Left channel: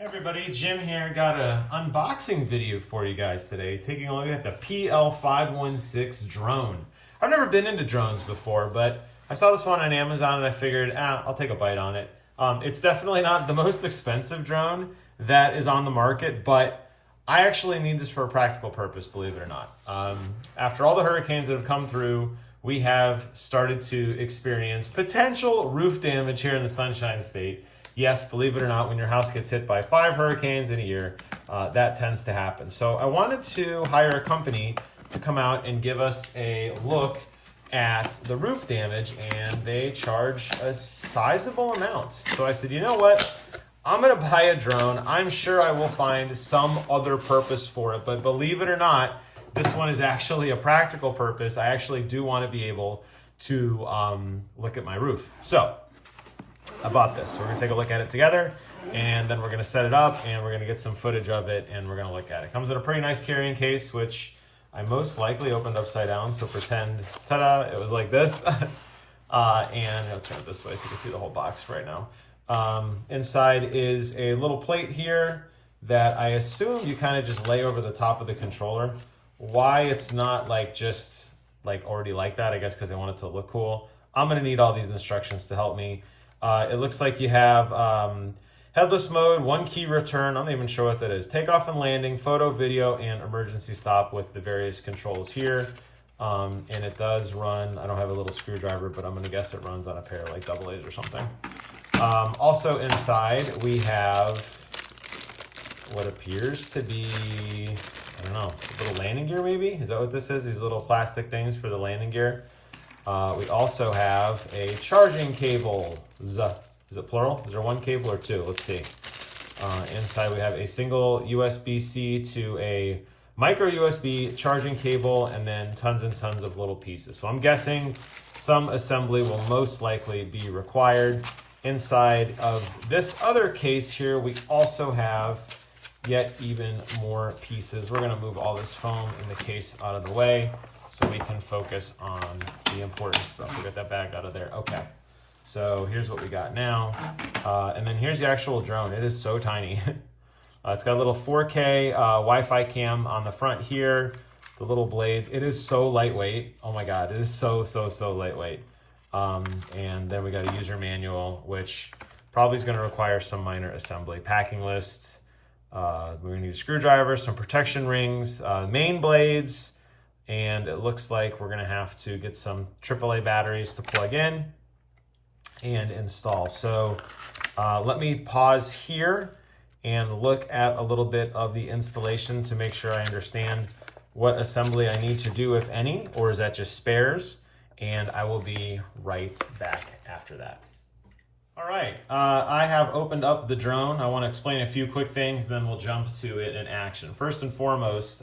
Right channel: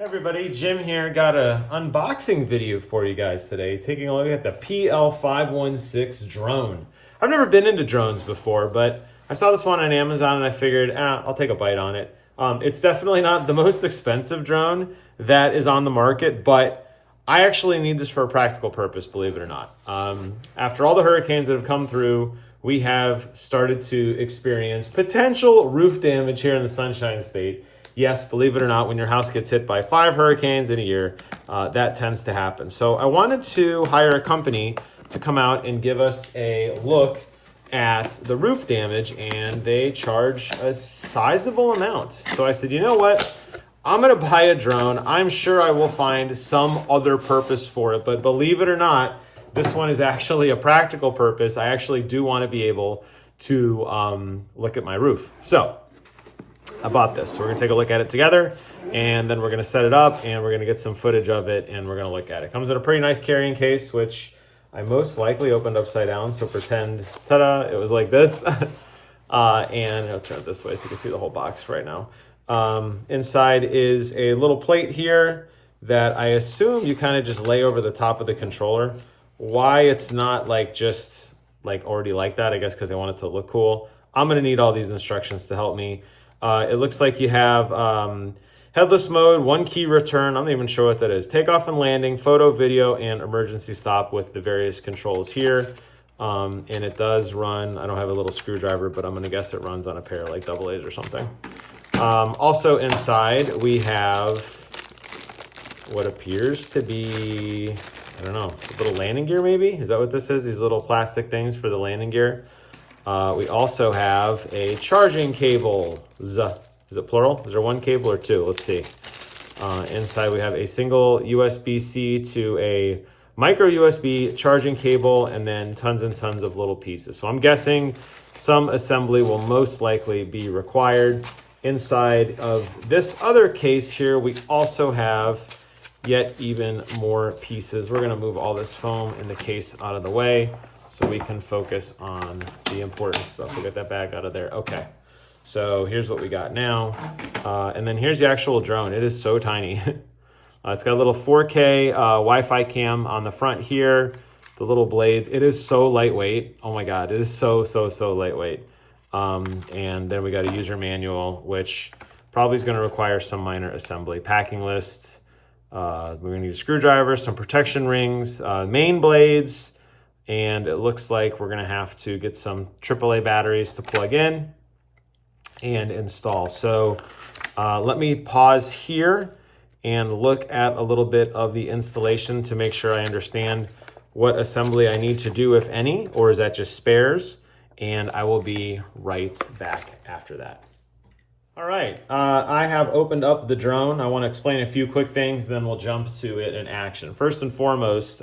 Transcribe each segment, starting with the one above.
Hey everybody, Jim here. Got an unboxing video for you guys today, taking a look at the PL-516 drone. I've never been into drones before, but I saw this one on Amazon and I figured, I'll take a bite on it. It's definitely not the most expensive drone that is on the market, but I actually need this for a practical purpose, believe it or not. After all the hurricanes that have come through, we have started to experience potential roof damage here in the Sunshine State. Yes, believe it or not, when your house gets hit by 5 hurricanes in a year, that tends to happen. So I wanted to hire a company to come out and give us a look at the roof damage, and they charge a sizable amount. So I said, you know what? I'm gonna buy a drone. I'm sure I will find some other purpose for it, but believe it or not, this one is actually a practical purpose. I actually do want to be able to look at my roof. So I bought this. So we're gonna take a look at it together, and then we're gonna set it up and we're gonna get some footage of it and we're gonna look at it. It comes in a pretty nice carrying case, which I most likely opened upside down. So pretend, ta-da, it was like this. And I'll turn it this way so you can see the whole box right now. Inside is a little plate here that I assume you kind of just lay over the top of the controller. Why it's not like just like already like that, I guess because I want it to look cool. I'm gonna need all these instructions to help me. It looks like you have headless mode, 1 key return. I'm not even sure what that is. Takeoff and landing, photo, video, and emergency stop with the various controls here. And it does run, I don't have a little screwdriver, but I'm gonna guess it runs on a pair like AA's or something. Also inside we have what appears to be, I don't know, a little landing gear maybe? Is that what this is? These little plastic things for the landing gear. We also have a charging cable. Is it plural? Is there 1 cable or 2? Let's see. Inside we have a single USB-C to a micro USB charging cable, and then tons and tons of little pieces. So I'm guessing some assembly will most likely be required. Inside of this other case here, we also have yet even more pieces. We're gonna move all this foam in the case out of the way so we can focus on the important stuff. We got that bag out of there. Okay, so here's what we got now. And then here's the actual drone. It is so tiny. It's got a little 4K Wi-Fi cam on the front here, the little blades. It is so lightweight. Oh my God, it is so lightweight. And then we got a user manual, which probably is gonna require some minor assembly. Packing list, we're gonna need a screwdriver, some protection rings, main blades, and it looks like we're gonna have to get some AAA batteries to plug in and install. So let me pause here and look at a little bit of the installation to make sure I understand what assembly I need to do, if any, or is that just spares? And I will be right back after that. All right, I have opened up the drone. I want to explain a few quick things, then we'll jump to it in action. First and foremost,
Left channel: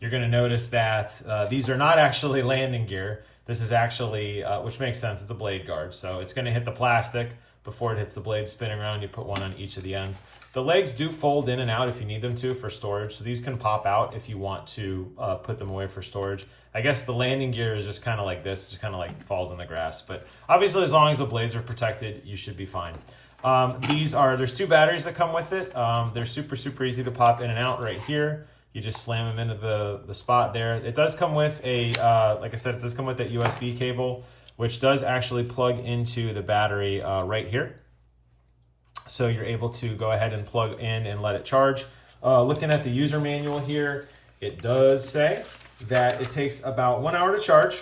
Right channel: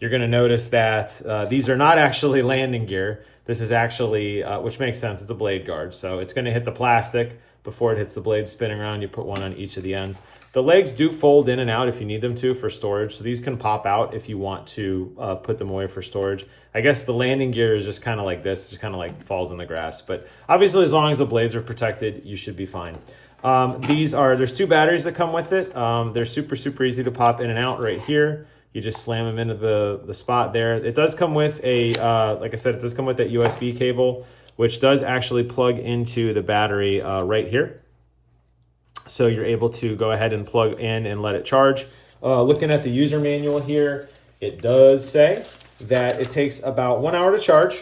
you're going to notice that these are not actually landing gear. This is actually, which makes sense, it's a blade guard. So it's going to hit the plastic before it hits the blade spinning around. You put one on each of the ends. The legs do fold in and out if you need them to for storage. So these can pop out if you want to put them away for storage. I guess the landing gear is just kind of like this, just kind of like falls in the grass. But obviously, as long as the blades are protected, you should be fine. There's 2 batteries that come with it. They're super easy to pop in and out right here. You just slam them into the spot there. It does come with a, like I said, it does come with that USB cable, which does actually plug into the battery right here. So you're able to go ahead and plug in and let it charge. Looking at the user manual here, it does say that it takes about 1 hour to charge.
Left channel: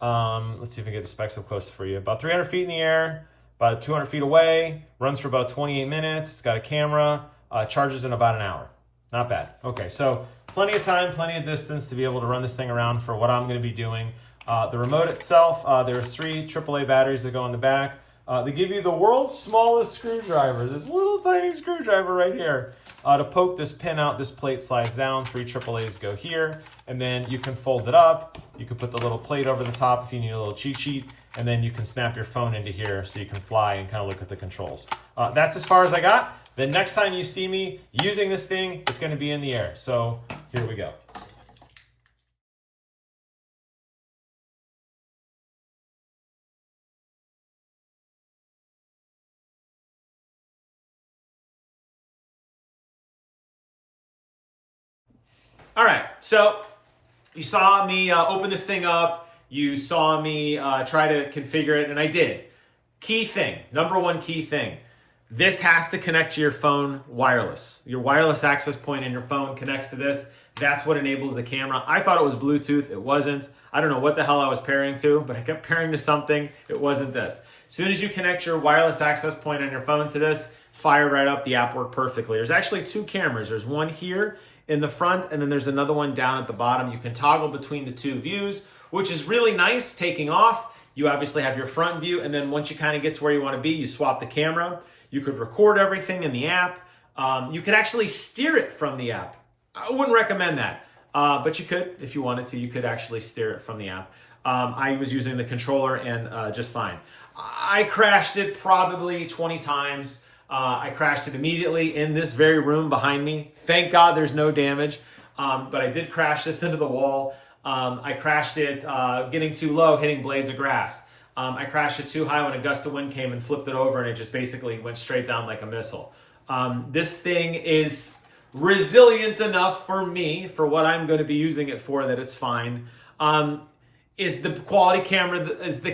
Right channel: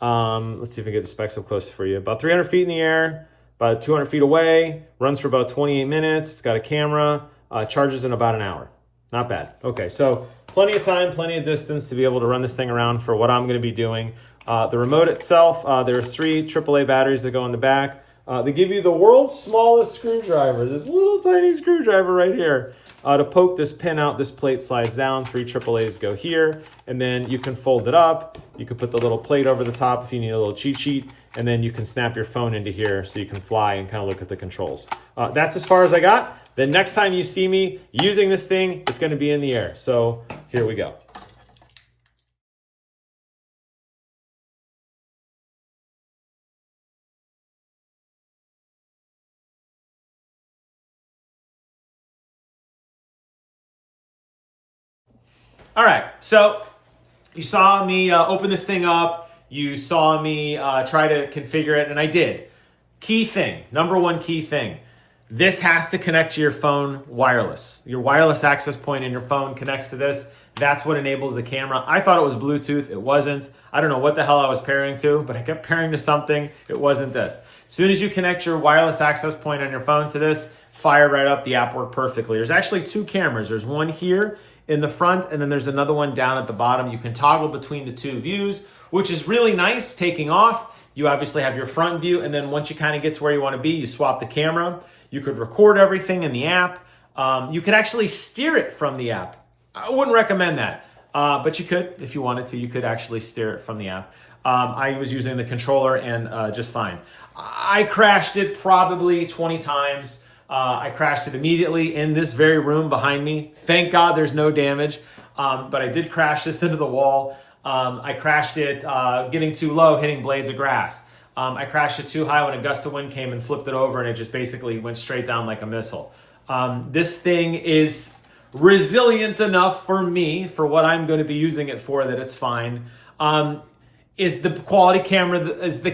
Let's see if I can get the specs up close for you. About 300 feet in the air, about 200 feet away, runs for about 28 minutes. It's got a camera, charges in about an hour. Not bad. Okay, so plenty of time, plenty of distance to be able to run this thing around for what I'm gonna be doing. The remote itself, there's 3 AAA batteries that go in the back. They give you the world's smallest screwdriver, this little tiny screwdriver right here. To poke this pin out, this plate slides down, 3 AAAs go here, and then you can fold it up. You can put the little plate over the top if you need a little cheat sheet, and then you can snap your phone into here so you can fly and kind of look at the controls. That's as far as I got. The next time you see me using this thing, it's gonna be in the air. So here we go. All right, so you saw me open this thing up. You saw me try to configure it, and I did. Key thing, number one key thing. This has to connect to your phone wireless. Your wireless access point in your phone connects to this. That's what enables the camera. I thought it was Bluetooth. It wasn't. I don't know what the hell I was pairing to, but I kept pairing to something. It wasn't this. As soon as you connect your wireless access point on your phone to this, fire right up. The app worked perfectly. There's actually two cameras. There's one here in the front, and then there's another one down at the bottom. You can toggle between the two views, which is really nice. Taking off, you obviously have your front view, and then once you kind of get to where you want to be, you swap the camera. You could record everything in the app. You could actually steer it from the app. I wouldn't recommend that, but you could, if you wanted to, you could actually steer it from the app. I was using the controller and just fine. I crashed it probably 20 times. I crashed it immediately in this very room behind me. Thank God there's no damage, but I did crash this into the wall. I crashed it getting too low, hitting blades of grass. I crashed it too high when a gust of wind came and flipped it over, and it just basically went straight down like a missile. This thing is resilient enough for me, for what I'm going to be using it for, that it's fine. Is the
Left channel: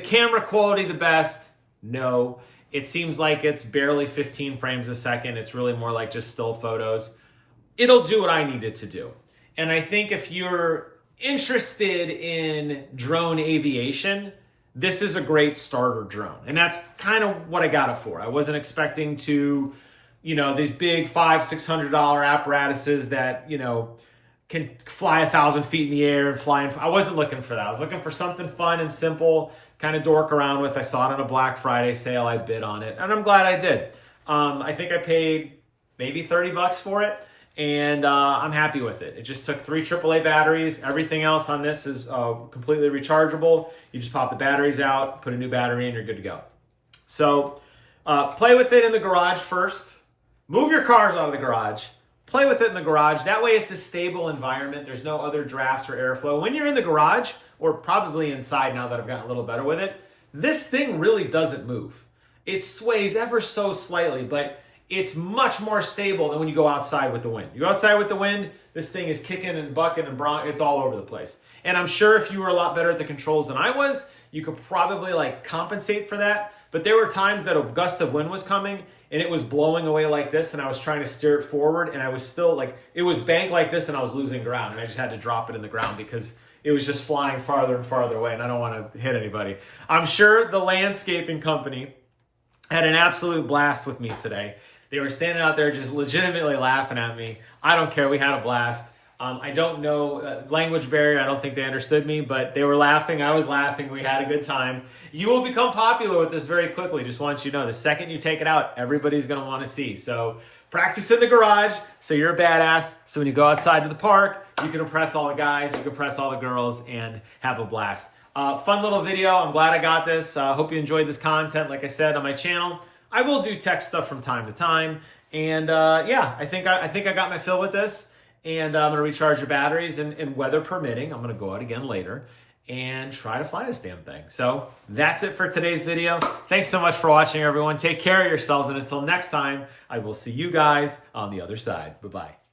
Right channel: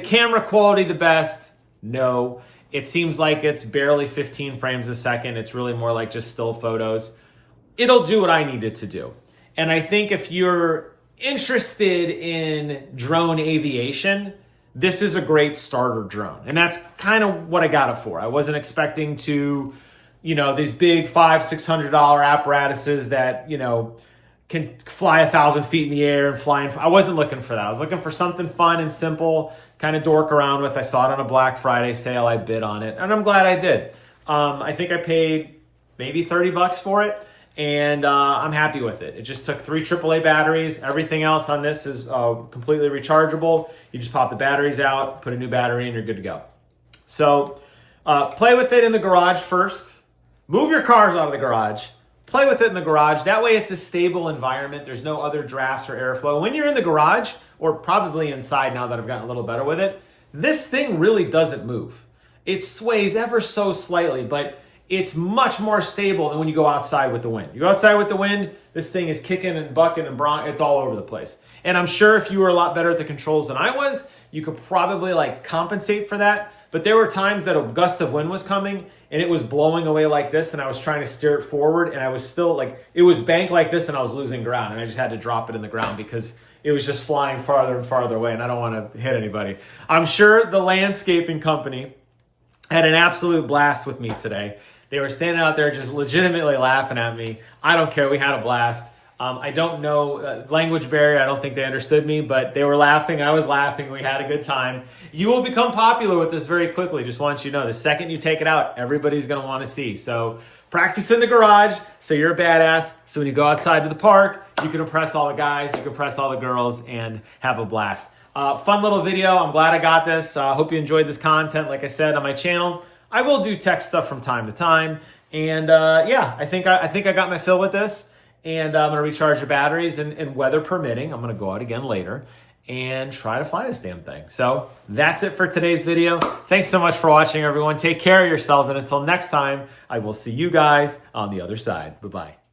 camera quality the best? No. It seems like it's barely 15 frames a second. It's really more like just still photos. It'll do what I need it to do. And I think if you're interested in drone aviation, this is a great starter drone. And that's kind of what I got it for. I wasn't expecting to, these big $500-$600 apparatuses that, can fly 1,000 feet in the air and fly. I wasn't looking for that. I was looking for something fun and simple, kind of dork around with. I saw it on a Black Friday sale. I bid on it, and I'm glad I did. I think I paid maybe $30 for it, and I'm happy with it. It just took 3 AAA batteries. Everything else on this is completely rechargeable. You just pop the batteries out, put a new battery in, you're good to go. So play with it in the garage first. Move your cars out of the garage. Play with it in the garage. That way it's a stable environment. There's no other drafts or airflow. When you're in the garage, or probably inside now that I've gotten a little better with it, this thing really doesn't move. It sways ever so slightly, but it's much more stable than when you go outside with the wind. You go outside with the wind, this thing is kicking and bucking and it's all over the place. And I'm sure if you were a lot better at the controls than I was, you could probably compensate for that. But there were times that a gust of wind was coming and it was blowing away like this, and I was trying to steer it forward, and I was still it was banked like this, and I was losing ground, and I just had to drop it in the ground because it was just flying farther and farther away, and I don't want to hit anybody. I'm sure the landscaping company had an absolute blast with me today. They were standing out there just legitimately laughing at me. I don't care. We had a blast. I don't know language barrier. I don't think they understood me, but they were laughing. I was laughing. We had a good time. You will become popular with this very quickly. Just want you to know, the second you take it out, everybody's going to want to see. So practice in the garage so you're a badass. So when you go outside to the park, you can impress all the guys, you can impress all the girls, and have a blast. Fun little video. I'm glad I got this. Hope you enjoyed this content. Like I said on my channel, I will do tech stuff from time to time. And I think I got my fill with this. And I'm going to recharge the batteries, and weather permitting, I'm going to go out again later and try to fly this damn thing. So that's it for today's video. Thanks so much for watching, everyone. Take care of yourselves, and until next time, I will see you guys on the other side. Bye-bye.